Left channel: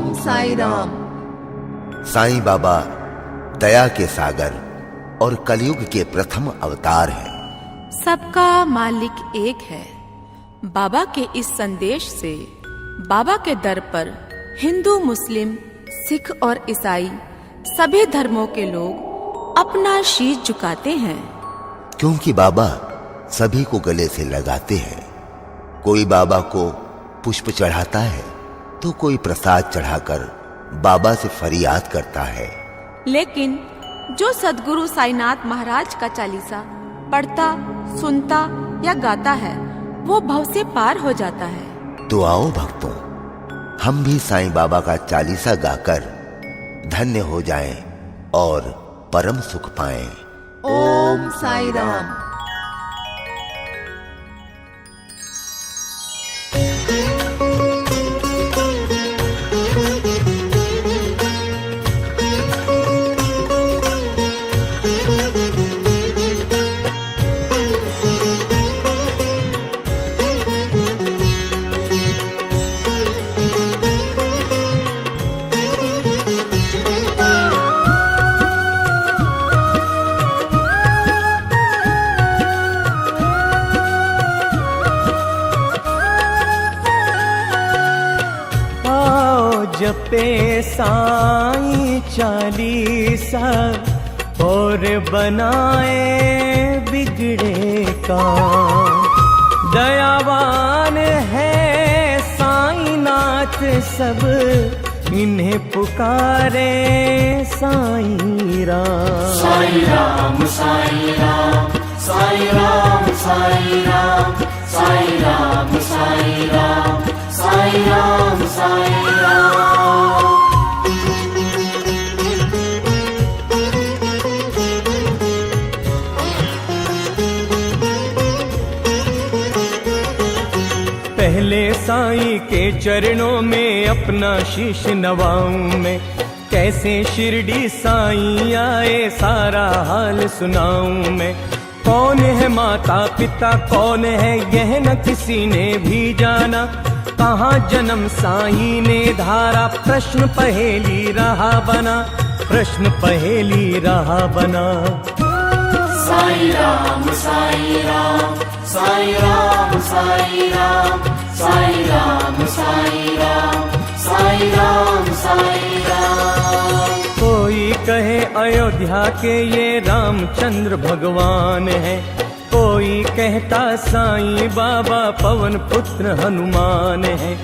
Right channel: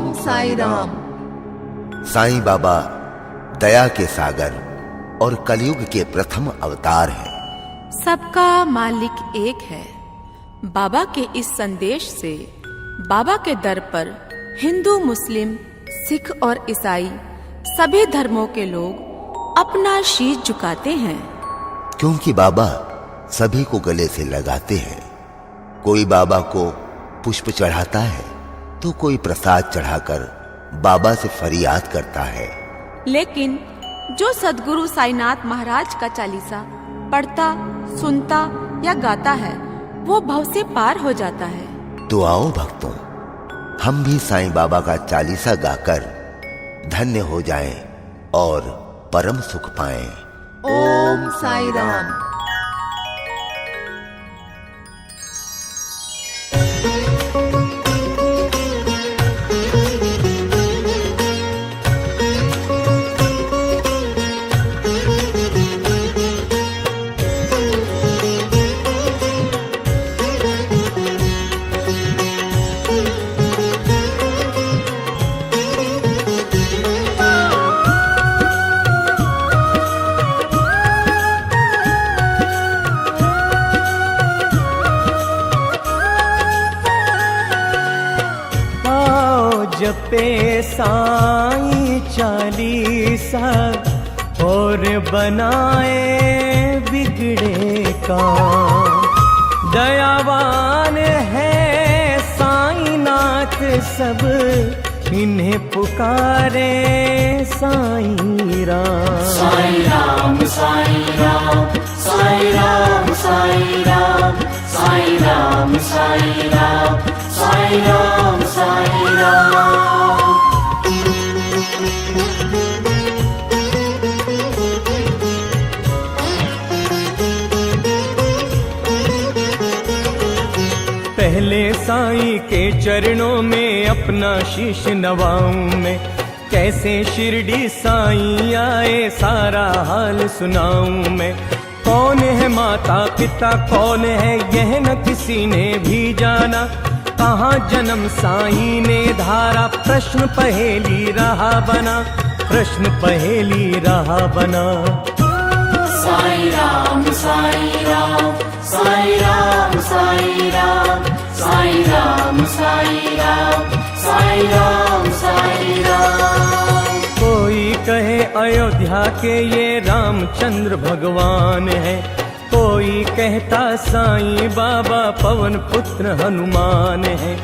ओम साईं राम। साईं बाबा दया के सागर और कलयुग के प्रथम अवतार हैं। सबका मालिक एक है। बाबा के इस संदेश से बाबा के दर पर हिंदू, मुस्लिम, सिख और ईसाई सभी धर्मों के लोग अपना शीश झुकाते हैं, क्योंकि बाबा सभी को गले से लगाते हैं। कोई बाबा को पुष्प चढ़ाता है तो कोई प्रसाद चढ़ाकर बाबा से फरियाद करता है। लेकिन जो सद्गुरु साईनाथ महाराज का चालीसा पढ़ता, सुनता या गाता है वो भव से पार हो जाता है। तो आओ भक्तों, हम भी साईं बाबा का चालीसा गाकर धन्य हो जाएं और परम सुख पाएं। ओम साईं राम। जपे साईं चालीसा और बनाए बिगड़े काम। दयावान है साईनाथ सब इन्हें पुकारे साईं राम। साईं राम साईं राम साईं राम साईं राम साईं राम साईं राम साईं राम साईं राम। पहले साईं के चरणों में अपना शीश नवाऊं मैं। कैसे शिरडी साईं आए सारा हाल सुनाऊं मैं। कौन है माता पिता कौन है यह न किसी ने भी जाना। कहाँ जन्म साईं ने धारा प्रश्न पहेली रहा बना। प्रश्न पहेली रहा बना। साईं राम साईं राम साईं राम साईं राम साईं राम साईं राम साईं राम साईं राम। कोई कहे अयोध्या के ये रामचंद्र भगवान है। कोई कहता साईं बाबा पवन पुत्र हनुमान है।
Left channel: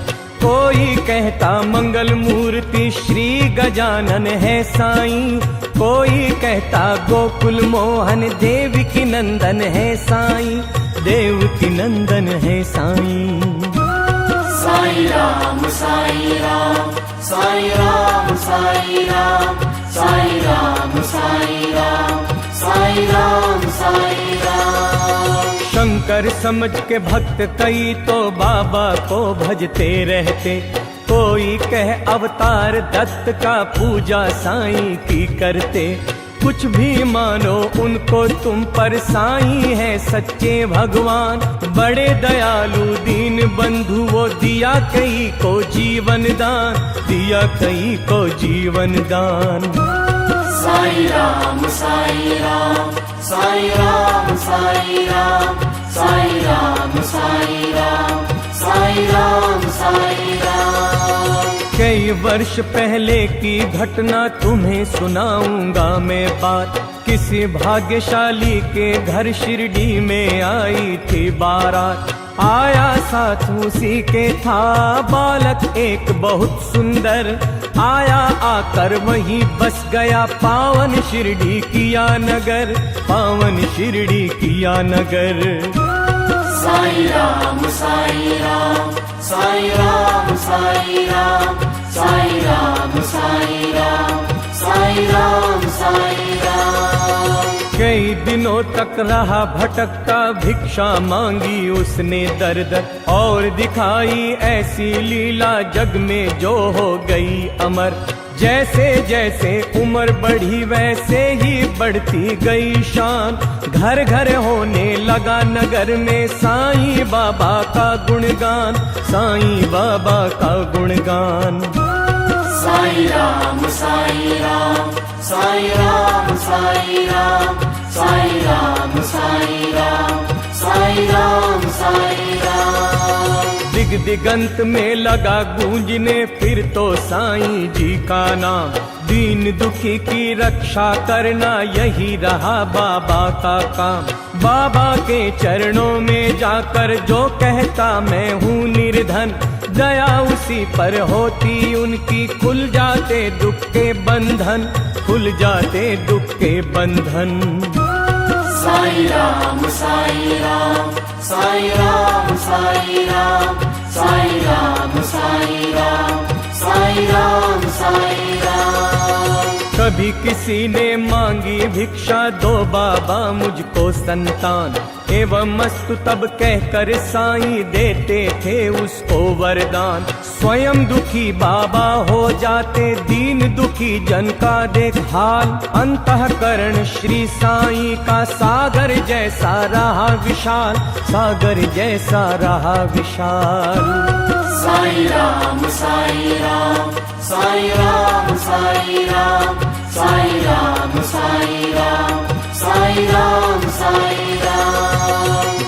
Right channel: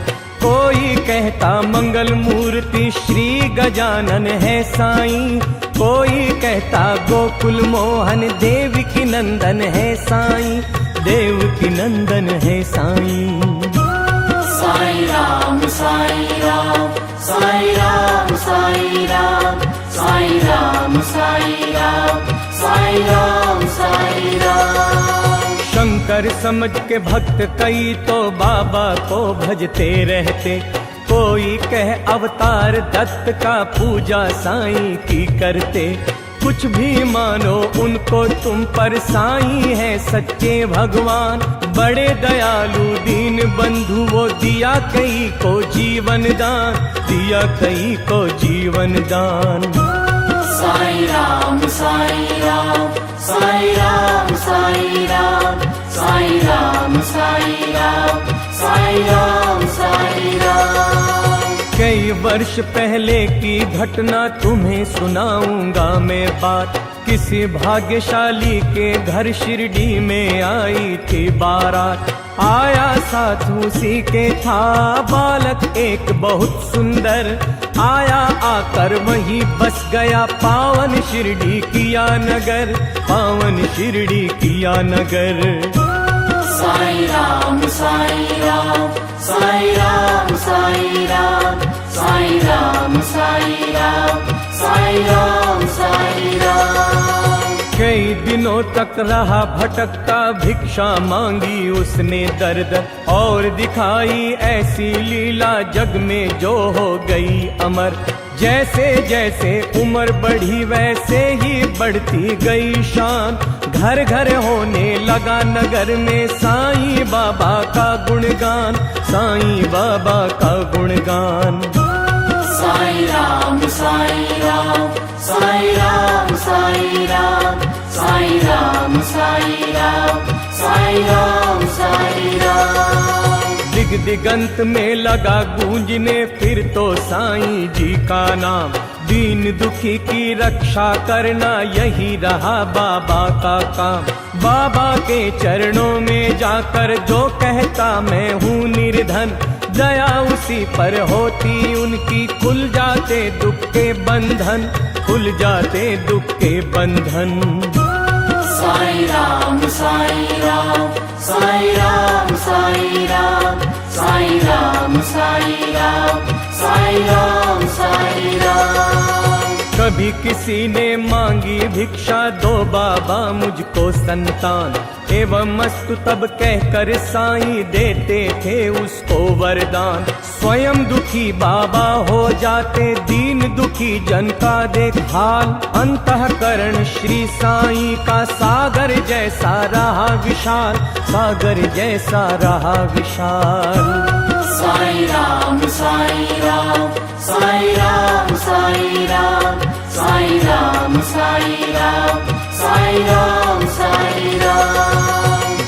कोई कहता मंगल मूर्ति श्री गजानन है साईं। कोई कहता गोकुल मोहन देव की नंदन है साईं। देव की नंदन है साईं। साईं राम साईं राम साईं राम साईं राम साईं राम साईं राम साईं राम साईं राम। शंकर समझ के भक्त कई तो बाबा को भजते रहते। कोई कह अवतार दत्त का पूजा साईं की करते। कुछ भी मानो उनको तुम पर साईं है सच्चे भगवान। बड़े दयालु दीन बंधु वो दिया कई को जीवन दान। दिया कई को जीवन दान। साईं राम साईं राम साईं राम साईं राम साईं राम साईं राम साईं राम साईं राम। कई वर्ष पहले की घटना तुम्हें सुनाऊंगा मैं बात। किसी भाग्यशाली के घर शिरडी में आई थी बारात। आया साथ उसी के था बालक एक बहुत सुंदर। आया आकर वहीं बस गया पावन शिरडी किया नगर। पावन शिरडी किया नगर। साईं राम साईं राम साईं राम साईं राम साईं राम साईं राम साईं राम साईं राम। कई दिनों तक रहा भटकता भिक्षा मांगी उसने दर दर। और दिखाई ऐसी लीला जग में जो हो गई अमर। जैसे जैसे उम्र बढ़ी वैसे ही बढ़ती गई शान। घर घर होने लगा नगर में साईं बाबा का गुणगान। साईं बाबा का गुणगान। साई राम साई राम साई राम साई राम साई राम साई राम साई राम साई राम। दिग दिगंत में लगा गूंजने फिर तो साईं जी का नाम। दीन दुखी की रक्षा करना यही रहा बाबा का काम। बाबा के चरणों में जाकर जो कहता मैं हूँ निर्धन, दया उसी पर होती उनकी, खुल जाते दुख के बंधन, खुल जाते दुख के बंधन। साई राम साई राम साई राम साई राम साई राम साई राम साई राम साई राम। कभी किसी ने मांगी भिक्षा, दो बाबा मुझको संतान, एवं मस्तु तब कहकर साईं देते थे उसको वरदान। स्वयं दुखी बाबा हो जाते, दीन दुखी जन का देख हाल। अंतःकरण श्री साईं का सागर जैसा रहा विशाल, सागर जैसा रहा विशाल। साई राम साई राम साई राम साई राम साई राम साई राम साई राम साई राम।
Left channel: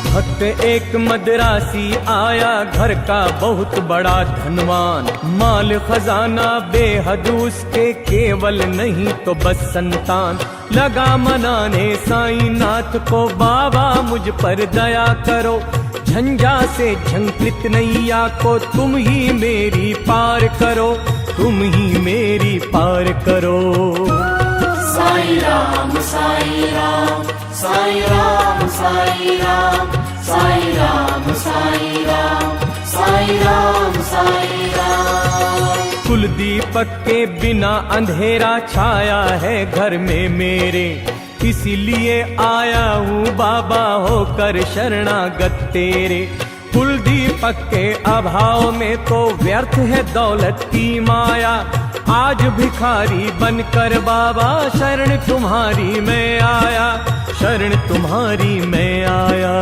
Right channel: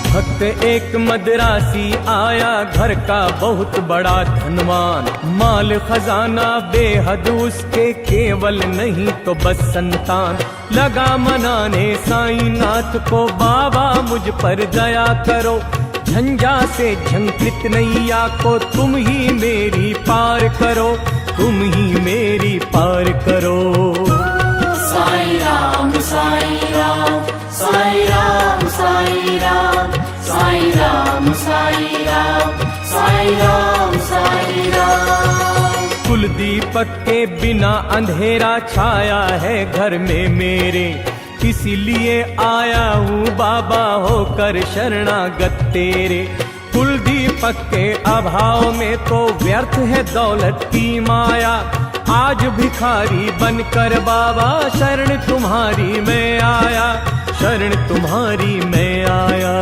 भक्त एक मदरासी आया, घर का बहुत बड़ा धनवान। माल खजाना बेहद उसके, केवल नहीं तो बस संतान। लगा मनाने साईं नाथ को, बाबा मुझ पर दया करो। झंझा से झंकृत नैया को तुम ही मेरी पार करो, तुम ही मेरी पार करो। साई राम साई राम साई राम साई राम साई राम साई राम साई राम साई राम। कुल दीपक के बिना अंधेरा छाया है घर में मेरे, इसीलिए आया हूँ बाबा होकर शरणागत तेरे। कुल दीपक के अभाव में तो व्यर्थ है दौलत की माया। आज भिखारी बनकर बाबा शरण तुम्हारी मैं आया, शरण तुम्हारी मैं आया।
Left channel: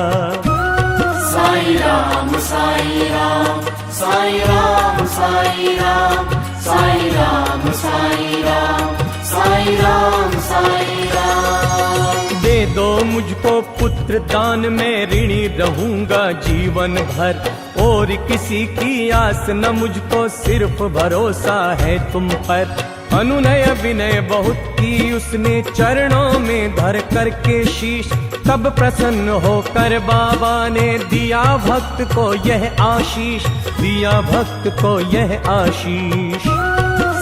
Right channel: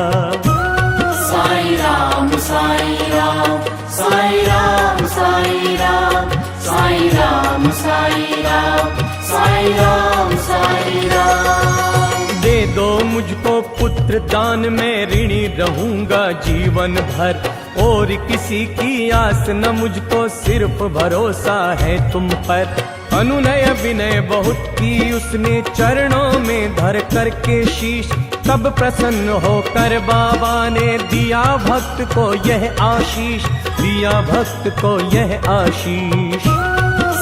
साई राम साई राम साई राम साई राम साई राम साई राम साई राम साई राम। दे दो मुझको पुत्र दान, मैं ऋणी रहूंगा जीवन भर। और किसी की आस न मुझको, सिर्फ भरोसा है तुम पर। अनुनय विनय बहुत की उसने, चरणों में धर करके शीश। तब प्रसन्न होकर बाबा ने दिया भक्त को यह आशीष, दिया भक्त को यह आशीष।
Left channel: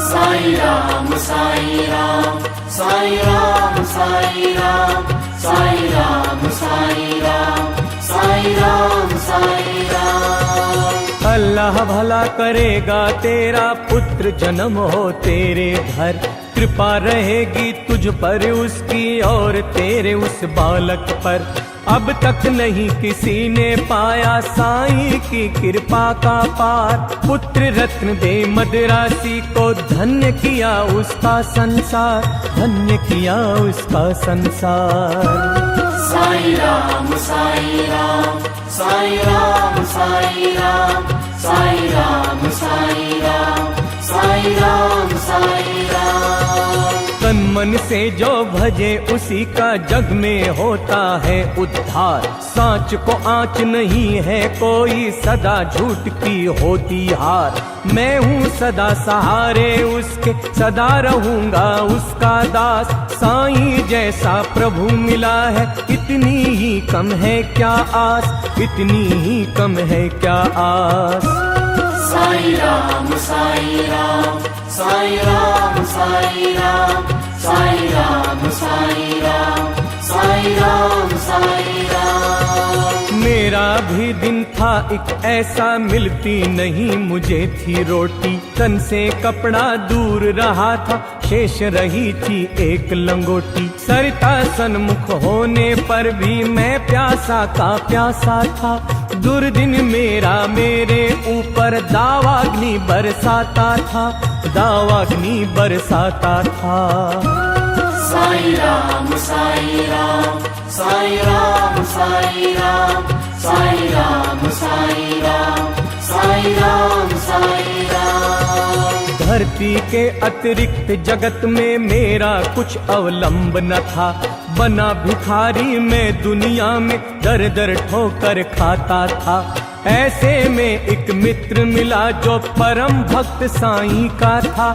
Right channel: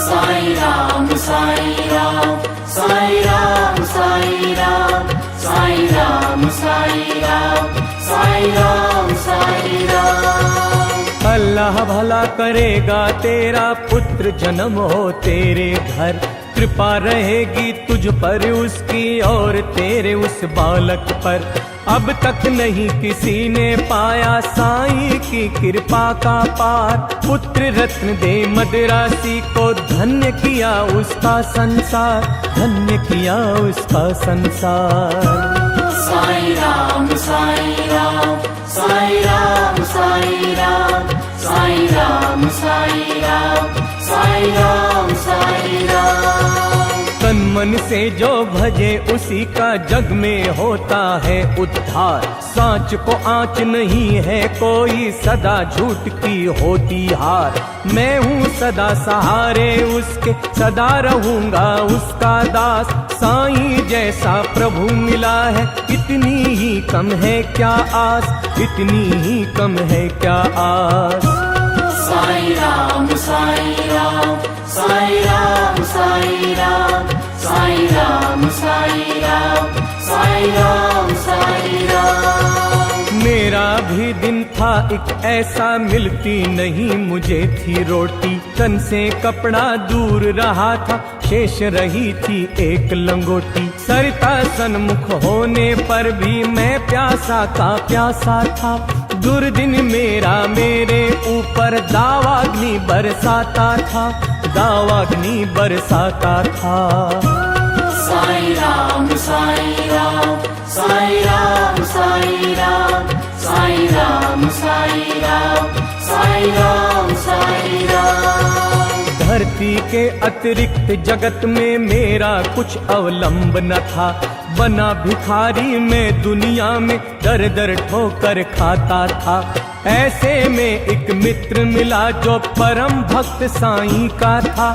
साई राम साई राम साई राम साई राम साई राम साई राम साई राम साई राम। अल्लाह भला करेगा तेरा, पुत्र जन्म हो तेरे घर। कृपा रहेगी तुझ पर उसकी और तेरे उस बालक पर। अब तक नहीं किसी ने पाया साईं की कृपा का पार। पुत्र रत्न दे मदरासी को, धन्य किया उसका संसार, धन्य किया उसका संसार। साई राम साई राम साई राम साई राम साई राम साई राम साई राम साई राम। तन मन से जो भजे उसी का जग में होता है उद्धार। सांच को आँच नहीं है कोई, सदा झूठ की होती हार। मैं हूँ सदा सहारे उसके, सदा रहूंगा उसका दास। साईं जैसा प्रभु मिला है, इतनी ही कम है क्या आस, इतनी ही कम है क्या आस। साई राम साई राम साई राम साई राम साई राम साई राम साई राम साई राम। मेरा भी दिन था एक ऐसा, मिलती नहीं मुझे थी रोटी। तन से कपड़ा दूर रहा था, शेष रही थी एक लंगोटी। सरिता सन्मुख होने पर भी मैं प्यासा का प्यासा था। दुर्दिन मेरा मेरे ऊपर दावाग्नि बरसाता था, दावाग्नि बरसाता था। साई राम साई राम साई राम साई राम साई राम साई राम साई राम साई राम। धरती के अतिरिक्त जगत में मेरा कुछ अवलंब न था। बना भिखारी मैं दुनिया में दर दर ठोकर खाता था। ऐसे में एक मित्र मिला जो परम भक्त साईं का था।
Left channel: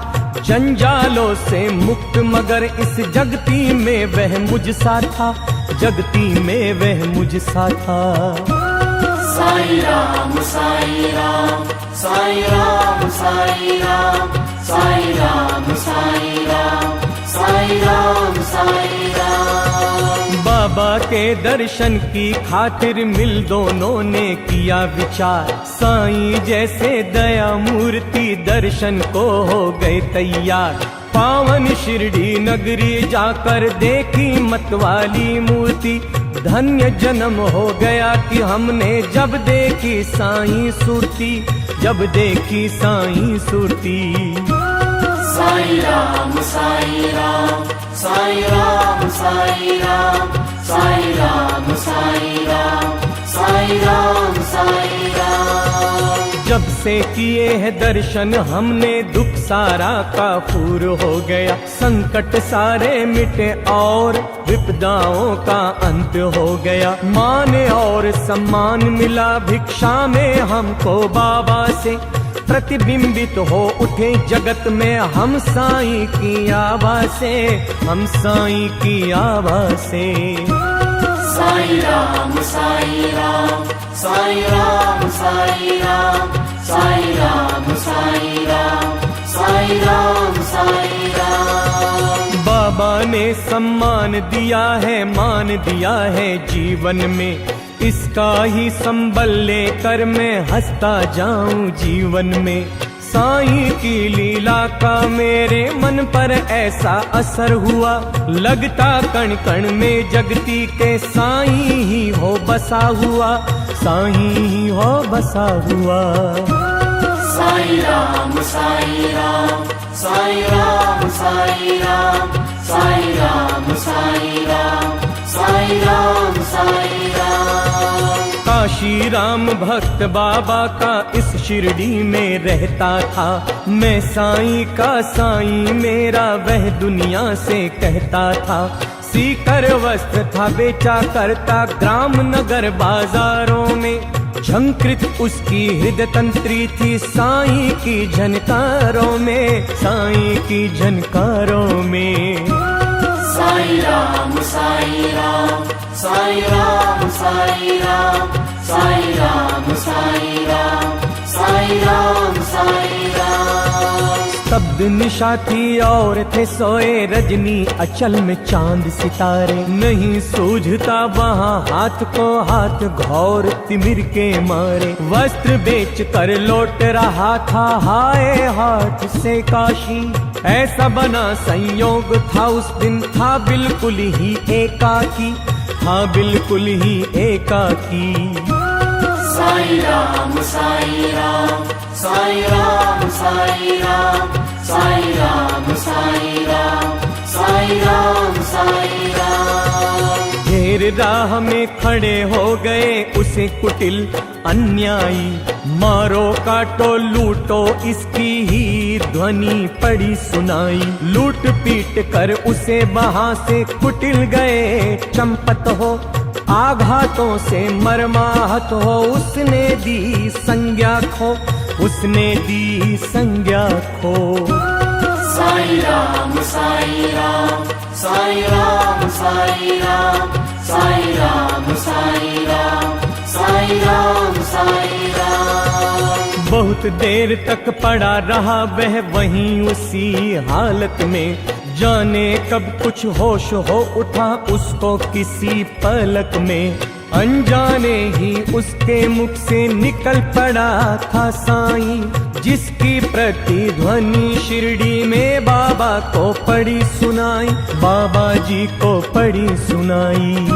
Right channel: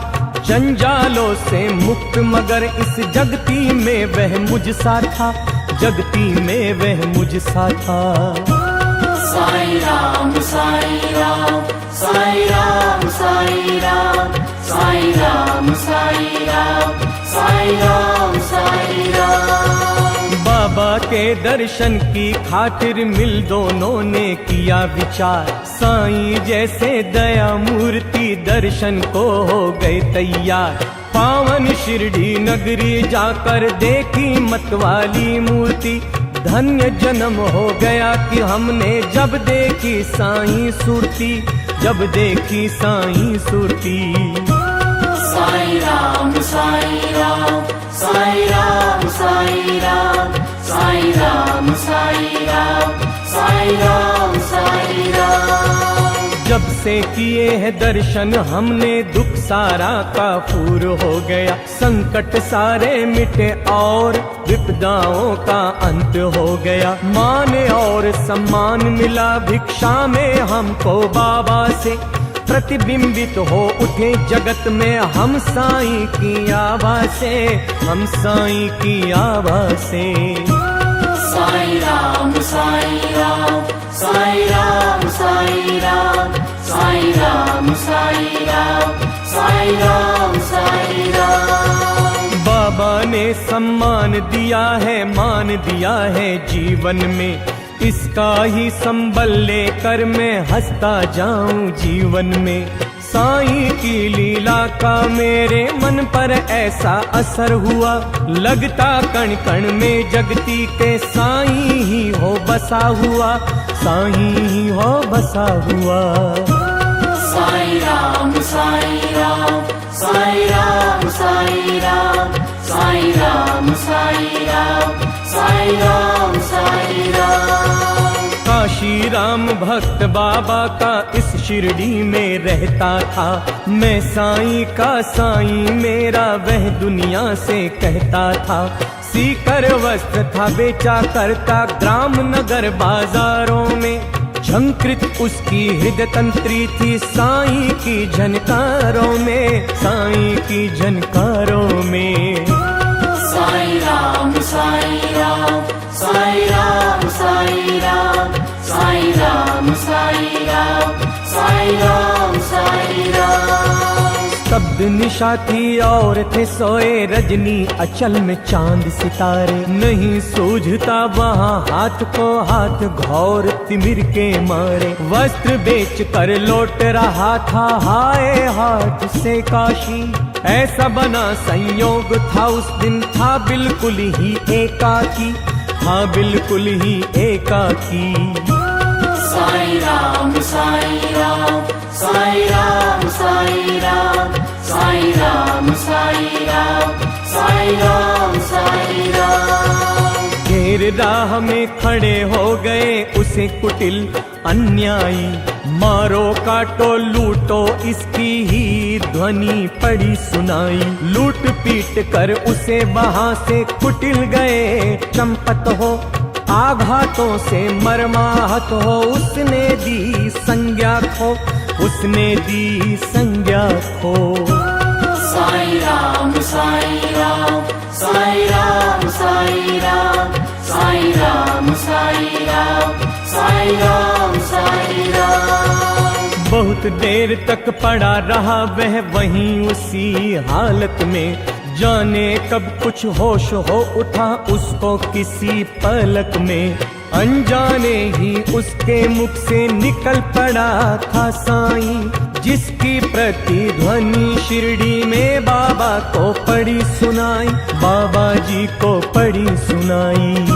जंजालों से मुक्त मगर इस जगती में वह मुझसा था, जगती में वह मुझसा था। साईं राम साईं राम साईं राम साईं राम साईं राम साईं राम साईं राम साईं राम। बाबा के दर्शन की खातिर मिल दोनों ने किया विचार। साईं जैसे दया मूर्ति दर्शन को हो गए तैयार। पावन शिरडी नगरी जाकर देखी मतवाली मूर्ति। धन्य जन्म हो गया कि हमने जब देखी साईं सुरती, जब देखी साईं सुरती। साईं राम साईं राम साईं राम साईं राम साईं राम साईं राम साईं राम साईं राम। जब से किए हैं दर्शन हमने दुख सारा काफूर हो गया। संकट सारे मिटे और विपदाओं का अंत हो गया। मान और सम्मान मिला भिक्षा में हमको बाबा से। प्रतिबिंबित हो उठे जगत में हम साईं की आवाज़ से, हम साईं की आवाज़ से। साईं राम साईं राम साईं राम साईं राम साईं राम साईं राम साईं राम साईं राम। बाबा ने सम्मान दिया है, मान दिया है जीवन में। इसका ही संबल लेकर मैं हंसता जाऊं जीवन में। साईं की लीला का मेरे मन पर ऐसा असर हुआ। लगता कण कण में जगती के साईं ही हो बसा हुआ, साईं ही हो बसा हुआ। साईं राम साईं राम साईं राम साईं राम साईं राम साईं राम साईं राम साईं राम। काशी राम भक्त बाबा का इस शिरडी में रहता था। मैं साईं का साईं मेरा वह दुनिया से कहता था। सीकर वस्त्र था बेचा करता ग्राम नगर बाजारों में। झंकृत उसकी हृदय तंत्री थी साईं की झनकारों में, साईं की झनकारों में। साईं राम साईं राम साईं राम साईं राम साईं राम साईं राम साईं राम साईं राम। स्तब्ध निशा थी और थे सोए रजनी अचल में चांद सितारे। नहीं सूझता वहाँ हाथ को हाथ घौर तिमिर के मारे। वस्त्र बेच कर लौट रहा था हाय हाथ से काशी। ऐसा बना संयोग था उस दिन, था बिल्कुल ही एकाकी, था बिल्कुल ही एकाकी। साईं राम साईं राम साईं राम साईं राम साईं राम साईं राम साईं राम साईं राम। घेर राह में खड़े हो गए उसे कुटिल अन्यायी। मारो काटो लूटो इसकी ही ध्वनि पड़ी सुनाई। लूट पीट कर उसे वहां से कुटिल गए चंपत हो। आघातों से मरमाहत हो उसने दी संज्ञा खो, उसने दी संज्ञा खो। साईं राम साईं राम साईं राम साईं राम साईं राम साईं राम साईं राम साईं राम। बहुत देर तक पड़ा रहा वह वहीं उसी हालत में। जाने कब कुछ होश हो उठा उसको किसी पलक में। अनजाने ही उसके मुख से निकल पड़ा था साईं, जिसकी प्रतिध्वनि शिरडी में बाबा को पड़ी सुनाई, बाबा जी को पड़ी सुनाई।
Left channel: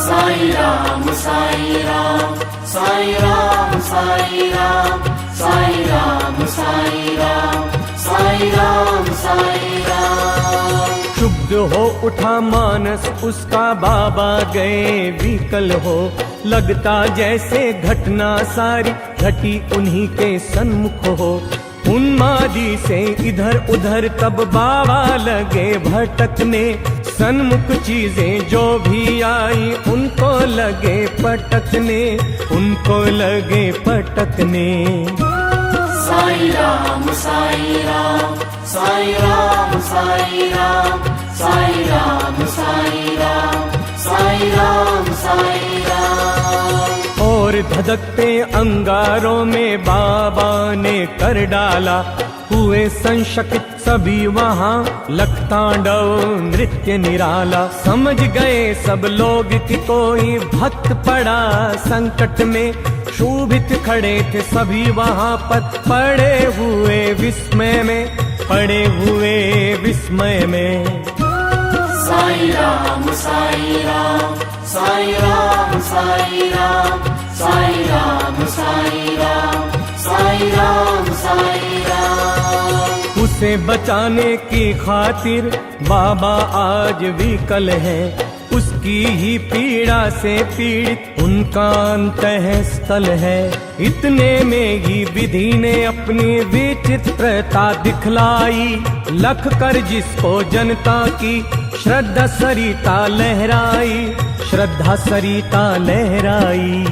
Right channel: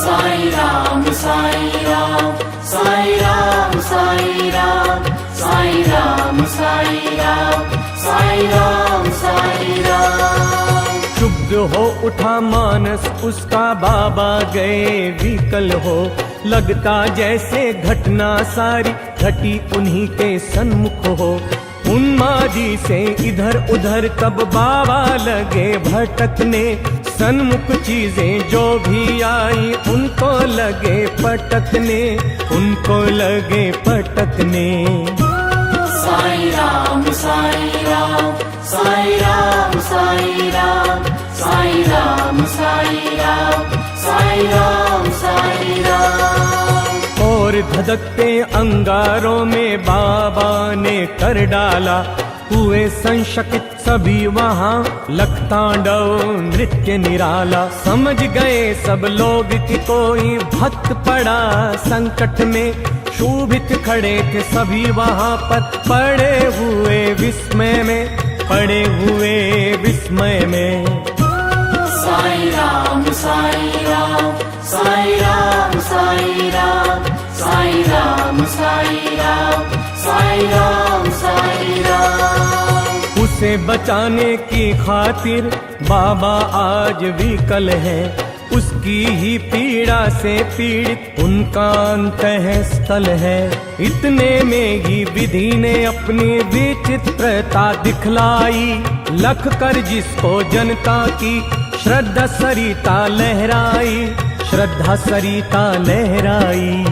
साईं राम साईं राम साईं राम साईं राम साईं राम साईं राम साईं राम साईं राम। क्षुब्ध हो उठा मानस उसका, बाबा गए विकल हो। लगता जैसे घटना सारी घटी उन्हीं के सन्मुख हो। उन्मादी से इधर उधर तब बाबा लगे भटकने। सन्मुख चीजें जो भी आई उनको लगे पटकने, उनको लगे पटकने। साई राम साई राम साई राम साई राम साई राम साई राम साई राम साई राम। और धधकते अंगारों में बाबा ने कर डाला, हुए संशकित सभी वहाँ, लखतांडव नृत्य निराला। समझ गए सब लोग कि कोई भक्त पड़ा संकट में, शोभित खड़े थे सभी वहाँ पर, पड़े हुए विस्मय में, पड़े हुए विस्मय में। साई राम साई राम साई राम साई राम साई राम साई राम साई राम साई राम। उसे बचाने की खातिर बाबा आज विकल है, उसकी ही पीड़ा से पीड़ित उनका अंतःस्थल है। इतने में ही विधि ने अपनी विचित्रता दिखलाई, लख कर जिसको जनता की श्रद्धा सरिता लहराई, श्रद्धा सरिता लहराई।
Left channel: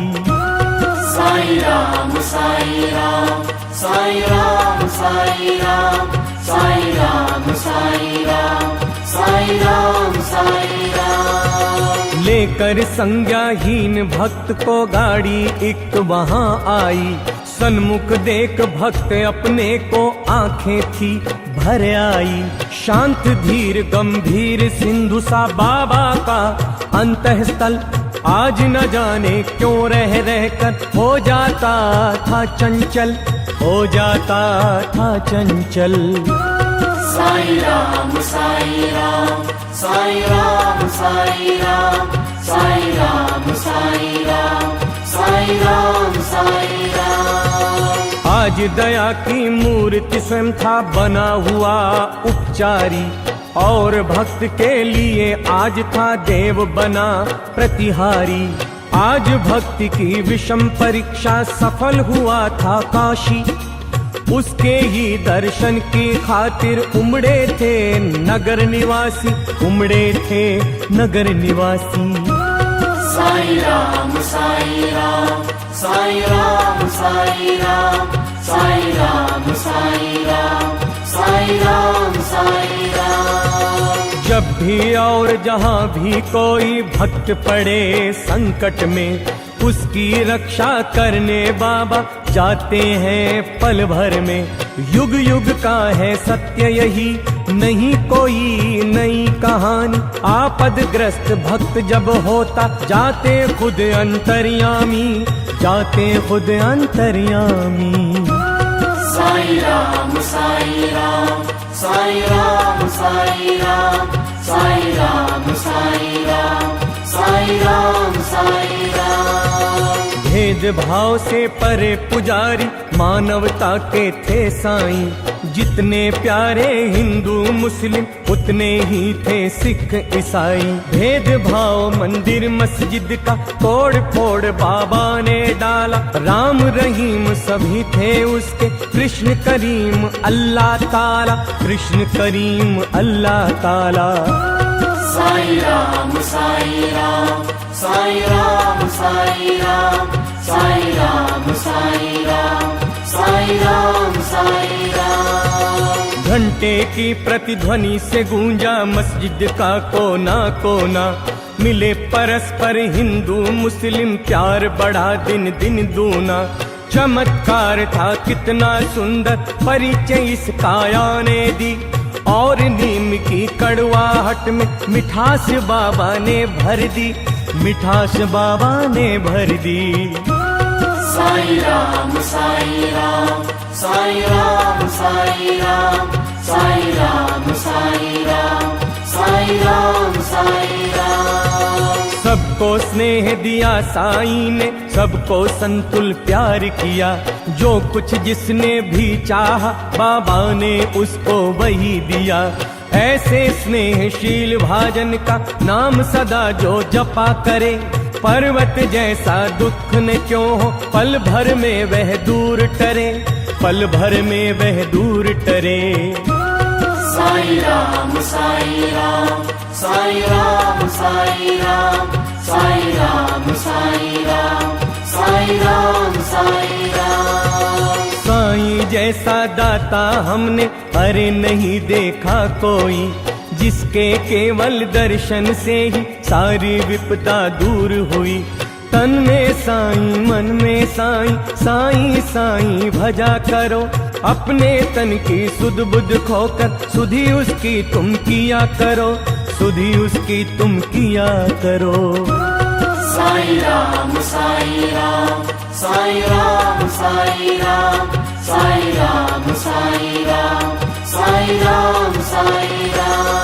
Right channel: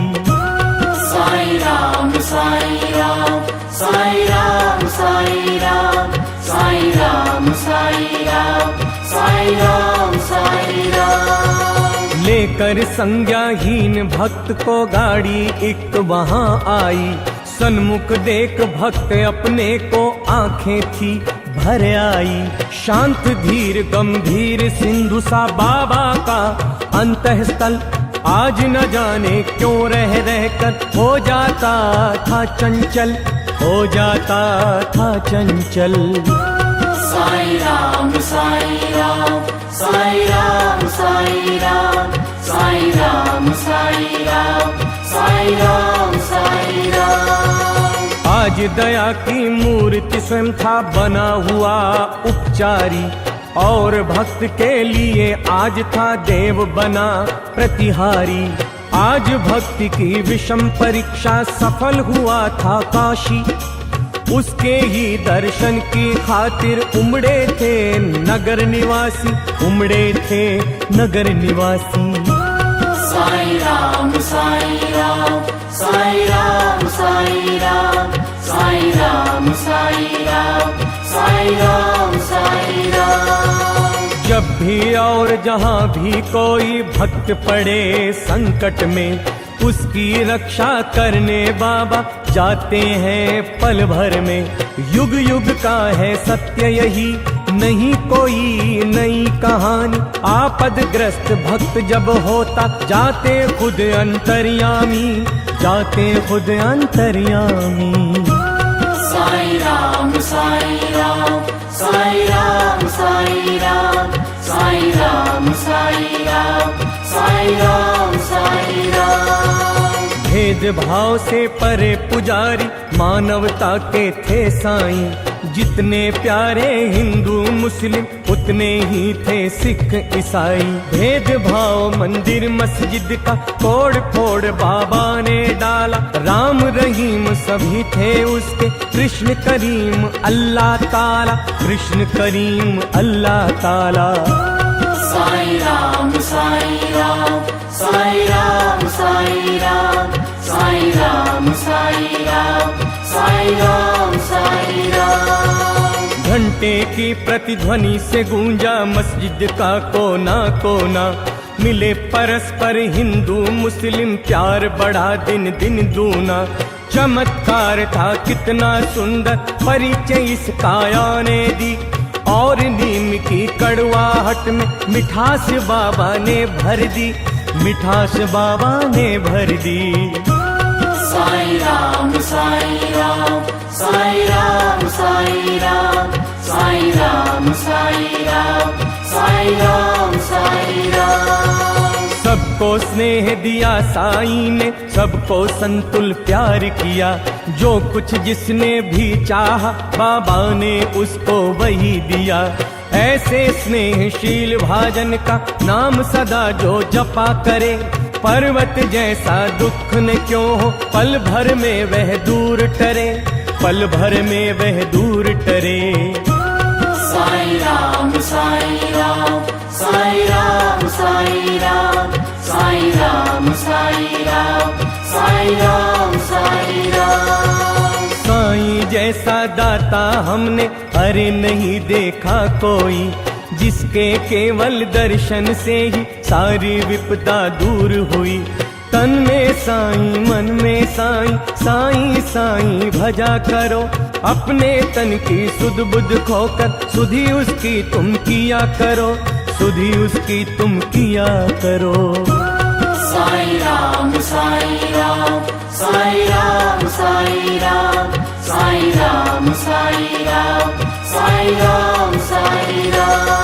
साई राम साई राम साई राम साई राम साई राम साई राम साई राम साई राम। लेकर संज्ञाहीन भक्त को गाड़ी एक वहाँ आई, सन्मुख देख भक्त अपने को आंखें थी भर आई। शांत धीर गंभीर सिंधु सा बाबा का अंतःस्थल, आज न जाने क्यों रह कर हो जाता था चंचल, हो जाता था चंचल। साई राम साई राम साई राम साई राम साई राम साई राम साई राम साई राम। आज दया की मूर्ति स्वयं था बना हुआ उपचारी, और भक्त के लिए आज था देव बना प्रतिहारी। आज भक्ति की विषम परीक्षा सफल हुआ था काशी, उसके ही दर्शन की खातिर उमड़े थे नगर निवासी, उमड़े थे नगर निवासी। साई राम साई राम साई राम साई राम साई राम साई राम साई राम साई राम। जब भी और जहाँ भी कोई भक्त पड़े संकट में, उसकी रक्षा करने बाबा जाते हैं पल भर में। युग युग का है सत्य यही, नहीं कोई नई कहानी। आपदग्रस्त भक्त जब होता जाते खुद अंतर्यामी, जाते खुद अंतर्यामी। साई राम साई राम साई राम साई राम साई राम साई राम साई राम साई राम। भेद भाव से परे पुजारी मानवता के थे साईं, जितने प्यारे हिंदू मुस्लिम उतने ही थे सिख ईसाई। भेद भाव मंदिर मस्जिद का तोड़ फोड़ बाबा ने डाला, राम रहीम सभी थे उसके, कृष्ण करीम अल्लाह ताला, कृष्ण करीम अल्लाह ताला। साई राम साई राम साई राम साई राम साई राम साई राम साई राम साई राम। घंटे की प्रतिध्वनि से गूंजा मस्जिद का कोना कोना, मिले परस्पर हिंदू मुस्लिम, प्यार बढ़ा दिन दिन दूना। चमत्कार था कितना सुंदर, परिचय इस काया ने दी, और नीम की कड़वाहट में मिठास बाबा ने भर दी, मिठास बाबा ने भर दी। साई राम साई राम साई राम साई राम साई राम साई राम साई राम साई राम। सबको स्नेह दिया साईं ने, सबको संतुल प्यार किया, जो कुछ जिसने भी चाहा बाबा ने उसको वही दिया। ऐसे स्नेहशील भाजन का नाम सदा जो जपा करे, पर्वत जैसा दुख न क्यों हो पल भर में वह दूर टरे, पल भर में वह दूर टरे। साई राम साई राम साई राम साई राम साई राम साई राम साई राम साई राम। साईं जैसा दाता हमने अरे नहीं देखा कोई, जिसके केवल दर्शन से ही सारी विपदा दूर हुई। तन में साईं मन में साईं, साईं साईं भजा करो। अपने तन की सुध बुध खोकर सुधि उसकी तुम किया करो, सुधि उसकी तुम किया करो। साई राम साई राम साई राम साई राम साई राम साई राम साई राम साई राम।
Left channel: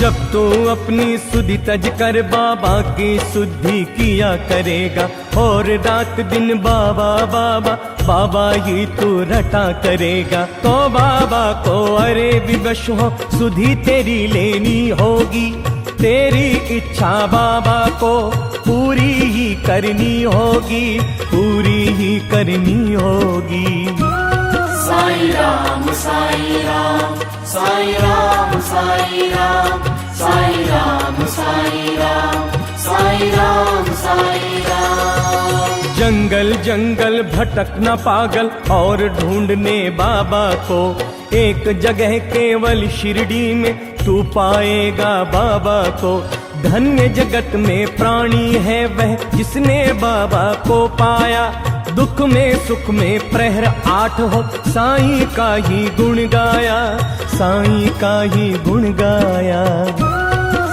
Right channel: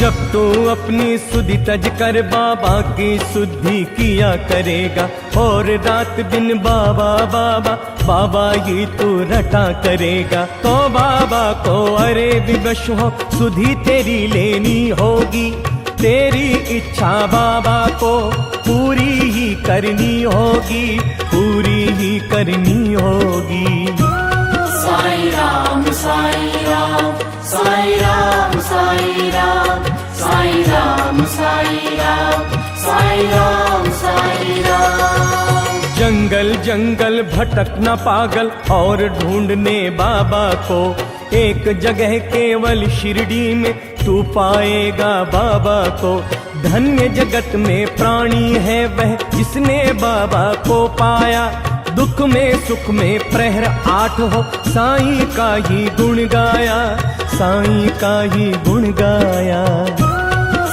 जब तू अपनी सुधि तज कर बाबा की शुद्धि किया करेगा, और रात दिन बाबा बाबा बाबा ही तू रटा करेगा, तो बाबा को अरे विवश हो सुधि तेरी लेनी होगी। तेरी इच्छा बाबा को पूरी ही करनी होगी, पूरी ही करनी होगी। साई राम साई राम साई राम साई राम साई राम साई राम साई राम साई राम। जंगल जंगल भटकना पागल और ढूंढने बाबा को, एक जगह केवल शिरडी में तू पाएगा बाबा को। धन्य जगत में प्राणी है वह जिसने बाबा को पाया। दुख में सुख में प्रहर 8 हो, साईं का ही गुण गाया, साईं का ही गुण गाया।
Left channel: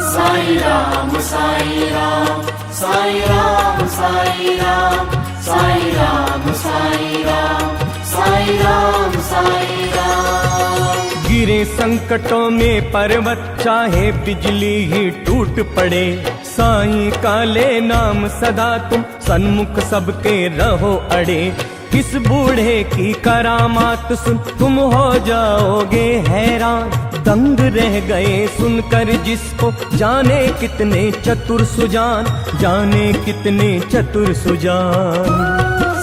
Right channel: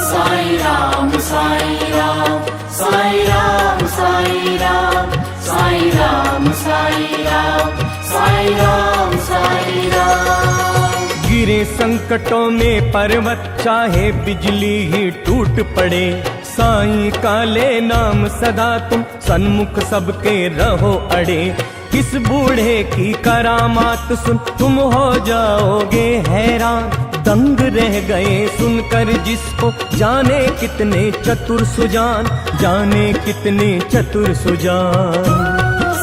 साई राम साई राम साई राम साई राम साई राम साई राम साई राम साई राम। गिरे संकटों में पर्वत चाहे बिजली ही टूट पड़े, साईं का ले नाम सदा तुम सन्मुख सबके रहो अड़े। किस बूढ़े की करामात सुन तुम हो जाओगे हैरान, दंग रह गए सुनकर जिसको, जाने कितने चतुर सुजान, जाने कितने चतुर सुजान।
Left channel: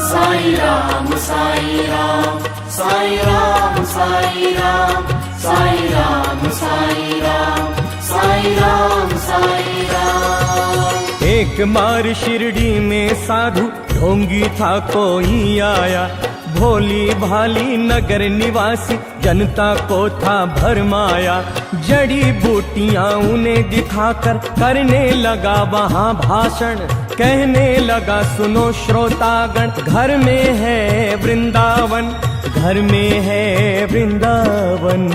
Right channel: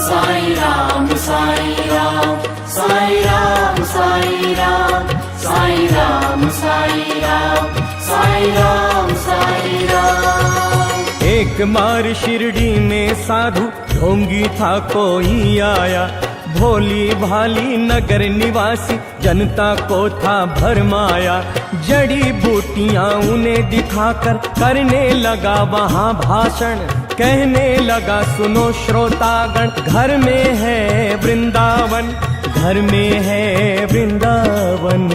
साई राम साई राम साई राम साई राम साई राम साई राम साई राम साई राम। एक बार शिरडी में साधु ढोंगी था कोई आया, भोली भाली नगर निवासी जनता को था भरमाया। जड़ी बूटियां उन्हें दिखाकर करने लगा वहां भाषण, कहने लगा सुनो श्रोतागण, घर में है वृंदावन, घर में है वृंदावन।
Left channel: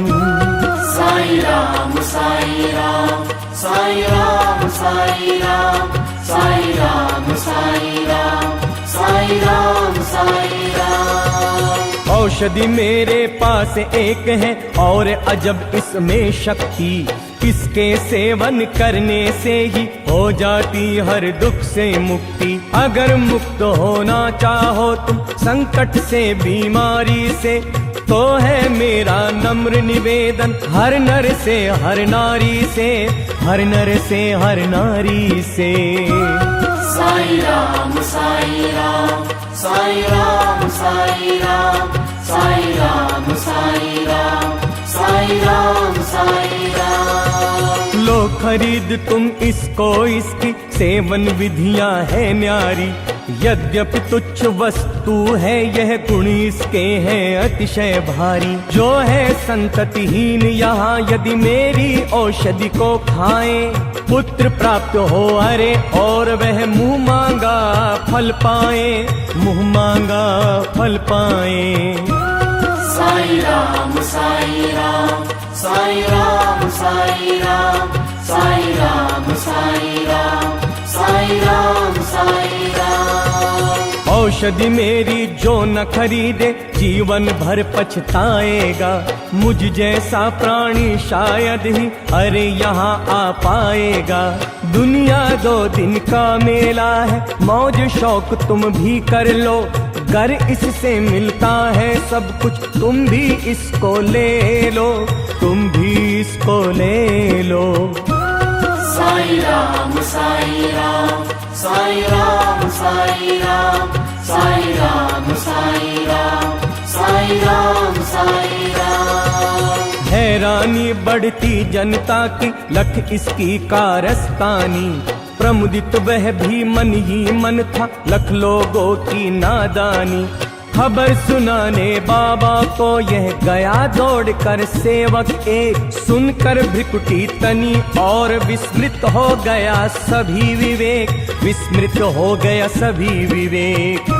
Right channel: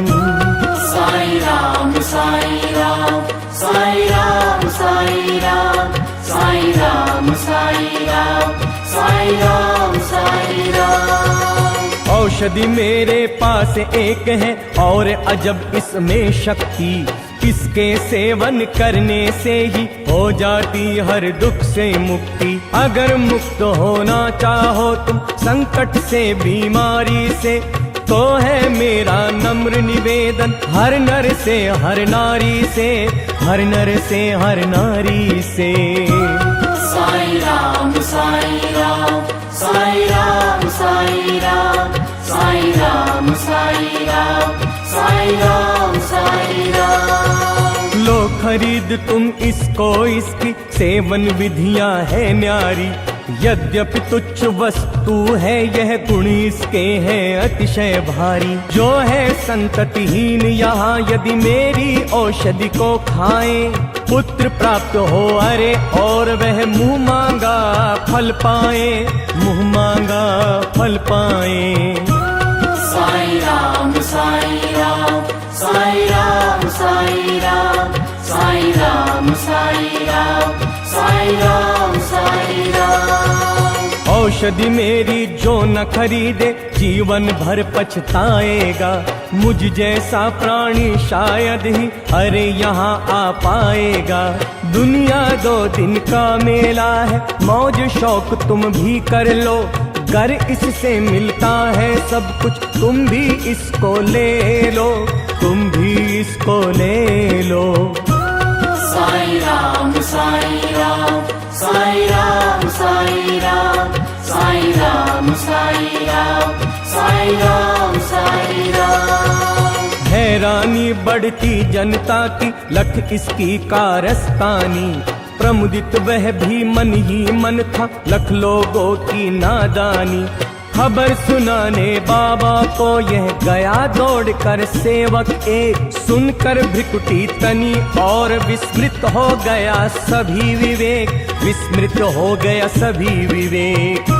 साई राम साई राम साई राम साई राम साई राम साई राम साई राम साई राम। औषधि मेरे पास एक है और अजब इसमें शक्ति, इसके सेवन करने से ही हो जाती हर दुख से मुक्ति। अगर मुक्त होना चाहो तुम संकट से बीमारी से, तो है मेरा नम्र निवेदन हर नर से हर नारी से, हर नर से हर नारी से। साई राम साई राम साई राम साई राम साई राम साई राम साई राम साई राम। लो खरीद तुम इसको, इसकी सेवन विधियां है न्यारी। यद्यपि तुच्छ वस्तु है यह, गुण इसके हैं अतिशय भारी। जो है संततिहीन यहाँ यदि मेरी औषधि को खाएं, पुत्र प्राप्त हो अरे और वह मुँह मांगा फल पाए, मुँह मांगा फल पाए। साई राम साई राम साई राम साई राम साई राम साई राम साई राम साई राम। औषधि मेरी जो न खरीदे जीवन भर पछताएगा। मुझ जैसा प्राणी शायद ही अरे यहाँ आ पाएगा। दुनिया 2 दिन का मेला है, मौज शौक तुम भी कर लो। गर इससे मिलता है सब कुछ, तुम भी इसको ले लो, तुम भी इसको ले लो। साई राम साई राम साई राम साई राम साई राम साई राम साई राम साई राम। हैरानी बढ़ती जनता की, लख इसकी कारस्तानी। प्रमुदित वह भी मन ही मन था, लख लोगों की नादानी। खबर सुनाने बाबा को यह गया दौड़कर सेवक एक, सुनकर भ्रिकुटी तनी और विस्मृत हो गया सभी विवेक, विस्मृत हो गया सभी विवेक।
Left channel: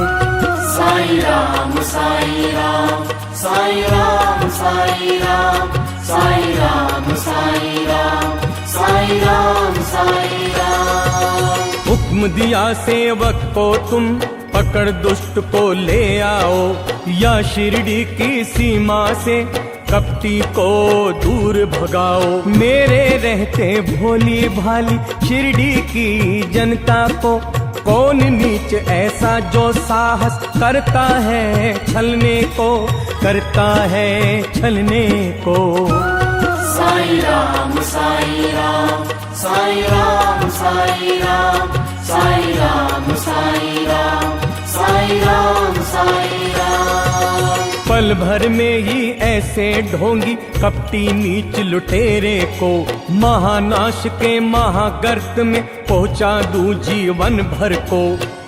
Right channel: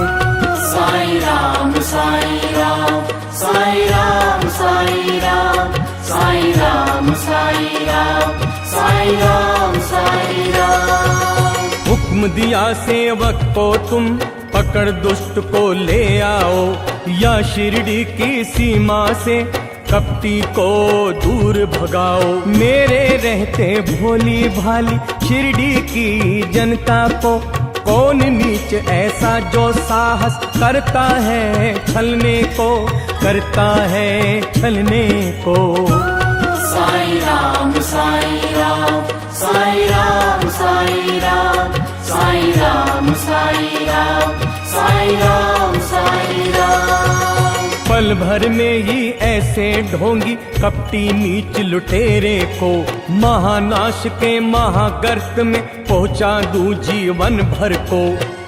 साई राम साई राम साई राम साई राम साई राम साई राम साई राम साई राम। हुक्म दिया सेवक को तुम पकड़ दुष्ट को ले आओ, या शिरडी की सीमा से कपटी को दूर भगाओ। मेरे रहते भोली भाली शिरडी की जनता को, कौन नीच ऐसा जो साहस करता है छलने को, करता है छलने को। साई राम साई राम साई राम साई राम साई राम साई राम साई राम साई राम। पल भर में ही ऐसे ढोंगी कपटी नीच लुटेरे को, महानाश के महागर्त में पहुंचा दूं जीवन भर को।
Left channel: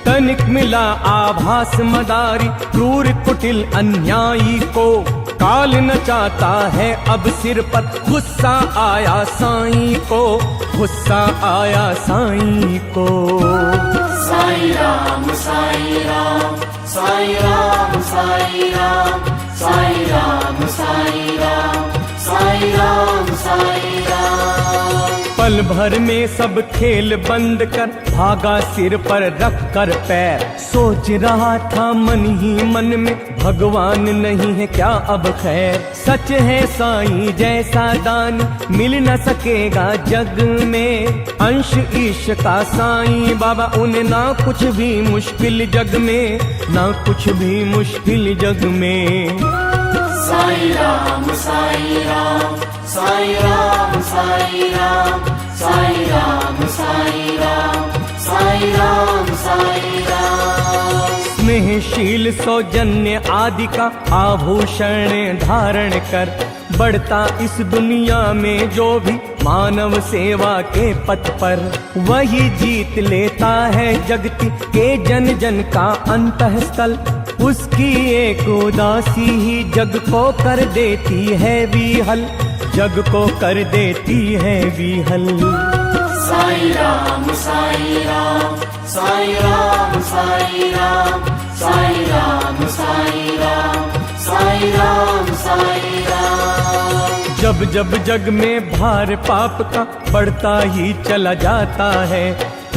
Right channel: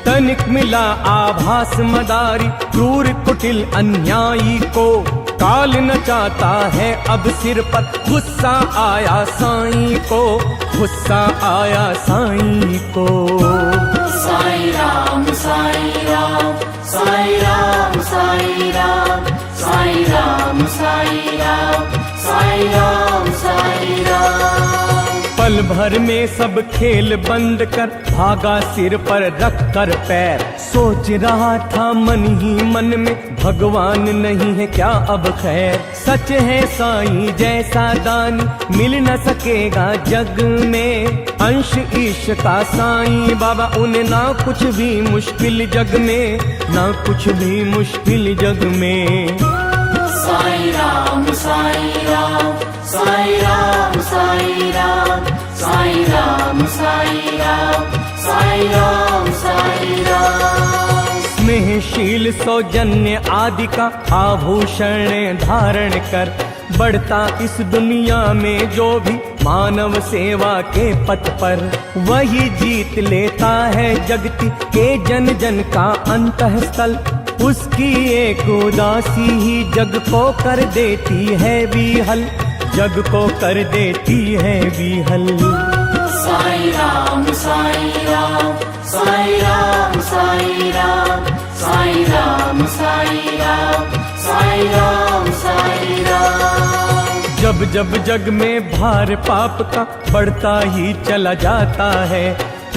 तनिक मिला आभास मदारी क्रूर कुटिल अन्यायी को, काल नचाता है अब सिर पर, गुस्सा आया साईं को, गुस्सा आया साईं को। साई राम साई राम साई राम साई राम साई राम साई राम साई राम साई राम। पल भर में सब खेल बंद कर भागा सिर पर रख कर पैर, सोच रहा था मन ही मन में भगवान नहीं है क्या अब खैर। सच है साईं जैसा दानी मिल न सकेगा जग में, अंश ईश का साईं बाबा उन्हें ना कुछ भी मुश्किल जग में, ना कुछ भी मुश्किल जग में। साई राम साई राम साई राम साई राम साई राम साई राम साई राम साई राम। स्नेहशील सौजन्य आदि का आभूषण धारण कर, बढ़ता इस दुनिया में जो भी मानव सेवा के पथ पर, वही जीत लेता है जगती के जन जन का अंतःस्थल। उसकी एक उदासी ही जग को कर देती है विहल, जग को कर देती है विहल। साई राम साई राम साई राम साई राम साई राम साई राम साई राम साई राम। जब जब जग में भार पाप का बढ़ता ही चला जाता है,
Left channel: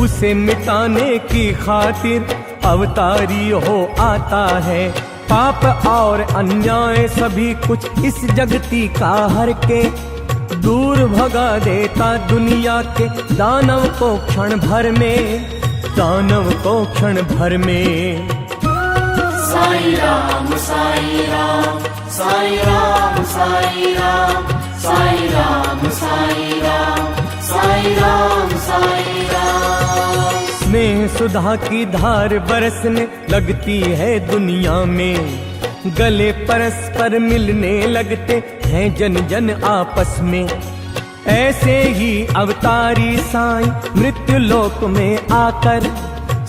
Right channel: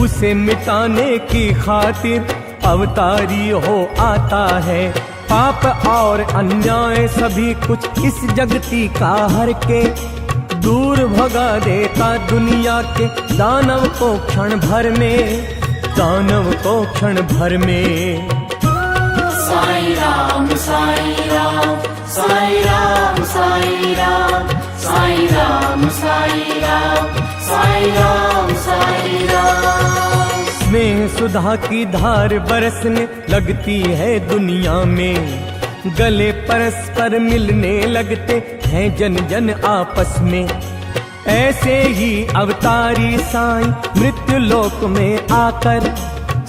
उसे मिटाने की खातिर अवतारी हो आता है। पाप और अन्याय सभी कुछ इस जगती का हर के, दूर भगा देता दुनिया के दानव को क्षण भर में, दानव को क्षण भर में। साई राम साई राम साई राम साई राम साई राम साई राम साई राम साई राम। स्नेह सुधा की धार बरसने लगती है दुनिया में, गले परस्पर मिलने लगते हैं जन जन आपस में। ऐसे ही अवतारी साईं मृत्यु लोक में आकर,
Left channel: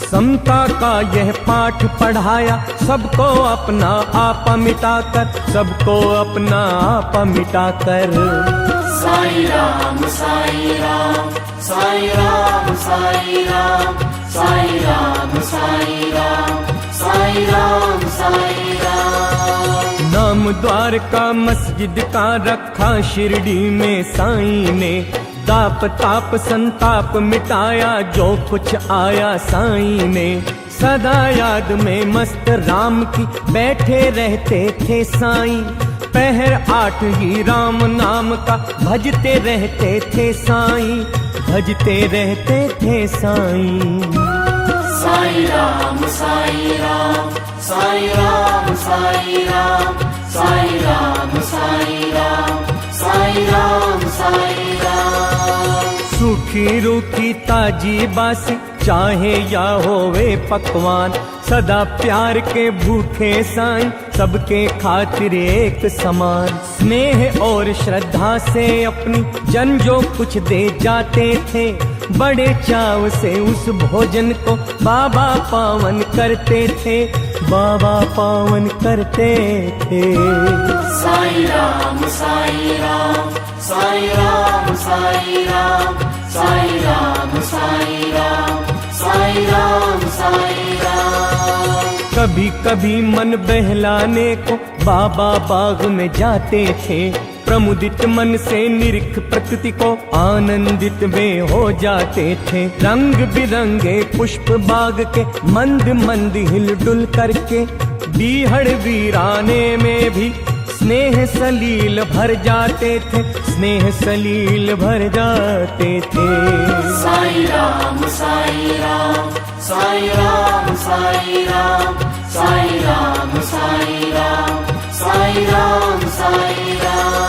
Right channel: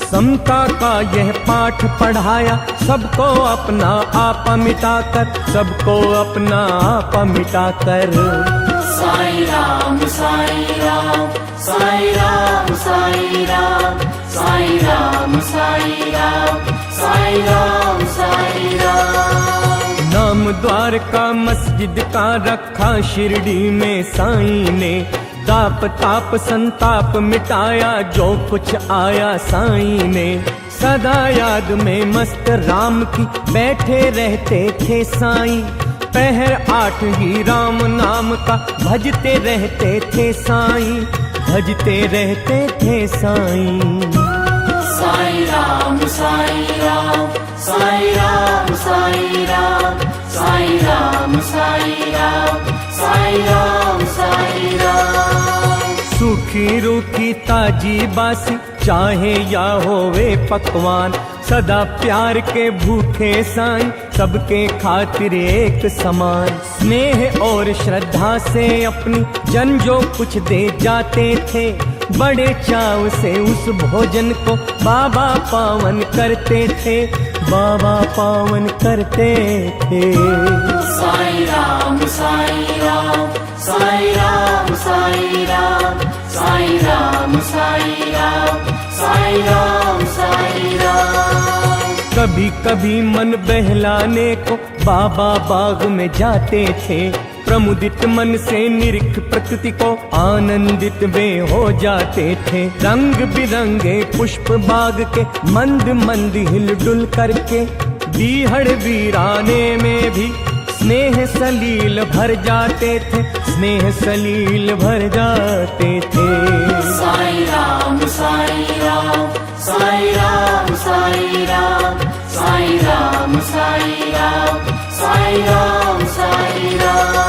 समता का यह पाठ पढ़ाया सबको अपना आपा मिटाकर, सबको अपना आपा मिटाकर। साई राम साई राम साई राम साई राम साई राम साई राम साई राम साई राम। नाम द्वारका मस्जिद का रखा शिरडी में साईं ने, दाप ताप संताप मिटाया जो कुछ आया साईं ने। सदा याद में मस्त राम की बैठे रहते थे साईं, पहर 8 ही राम नाम का भजते रहते थे साईं, भजते रहते थे साईं। साई राम साई राम साई राम साई राम साई राम साई राम साई राम साई राम। सूखी रूखी ताजी बासी चाहे या होवे पकवान, सदा प्यार के भूखे साईं, सबके खातिर एक समान। स्नेह और श्रद्धा से अपनी जन जो कुछ दे जाते थे, बड़े चाव से उस भोजन को बाबा पावन करते थे, बाबा पावन करते थे। साईं राम साईं राम, साईं राम साईं राम, साईं राम साईं राम, साईं राम साईं राम। कभी कभी मन बहलाने को बाबा बाग में जाते थे, प्रमुदित मन से निरीख प्रकृति को आनंदित वे हो जाते थे। रंग बिरंगे पुष्प बाग के मंद मंद हिलडुल करके, बीहड़ वीराने में भी स्नेह सलील भर जाते थे, स्नेह सलील भर जाते थे। साईं राम साईं राम, साईं राम साईं राम, साईं राम साईं राम, साईं राम साईं राम।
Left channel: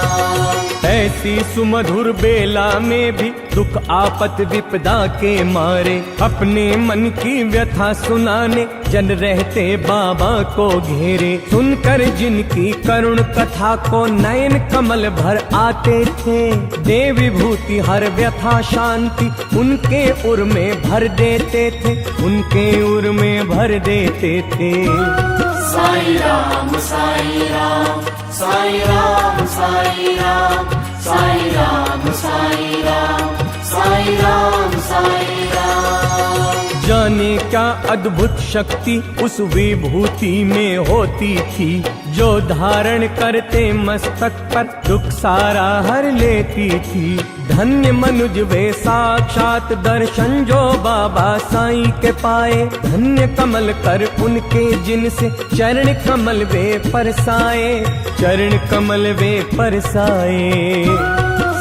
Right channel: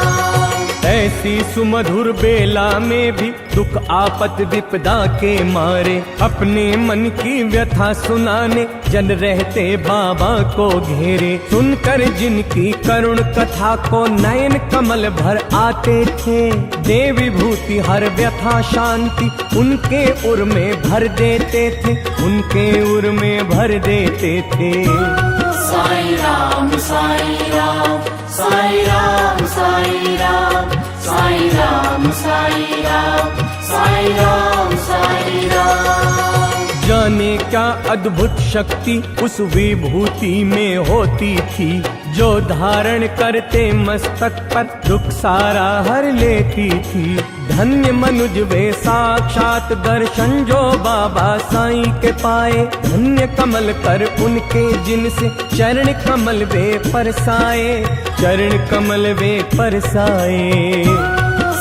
ऐसी सुमधुर बेला में भी दुख आपत विपदा के मारे, अपने मन की व्यथा सुनाने जन रहते बाबा को घेरे। सुनकर जिनकी करुण कथा को नयन कमल भर आते थे, दे विभूति हर व्यथा शांति उनके उर में भर देते थे, उनके उर में भर देते थे। साईं राम साईं राम, साईं राम साईं राम, साईं राम साईं राम, साईं राम साईं राम। जाने क्या अद्भुत शक्ति उस विभूति में होती थी, जो धारण करते मस्तक पर दुख सारा हर लेती थी। धन्य मनुज वे साक्षात दर्शन जो बाबा साईं के पाए, धन्य कमल कर उनके जिनसे चरण कमल वे परसाए, चरण कमल वे परसाए।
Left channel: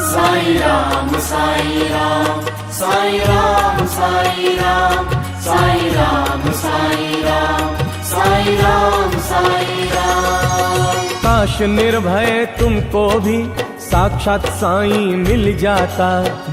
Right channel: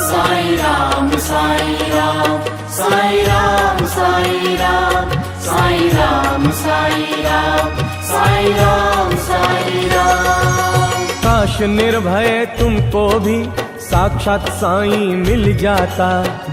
साईं राम साईं राम, साईं राम साईं राम, साईं राम साईं राम, साईं राम साईं राम। काश निर्भय तुमको भी साक्षात साईं मिल जाता,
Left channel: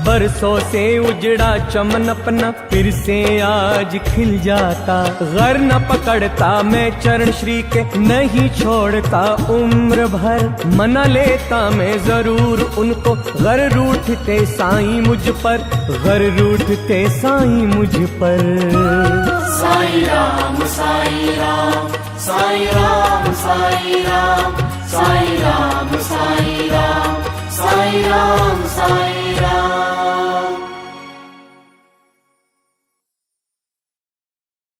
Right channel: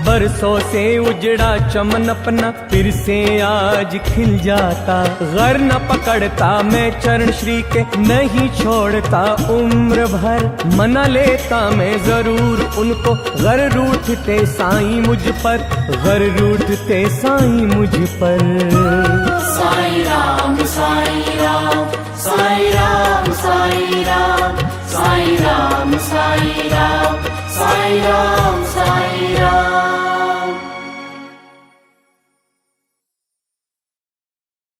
बरसों से उजड़ा चमन अपना फिर से आज खिल जाता। घर न पकड़ता मैं चरण श्री के, नहीं छोड़ता उम्र भर, मना लेता मैं जरूर उनको, घर रूठते साईं मुझ पर, घर रूठते साईं मुझ पर। साईं राम साईं राम, साईं राम साईं राम, साईं राम साईं राम, साईं राम साईं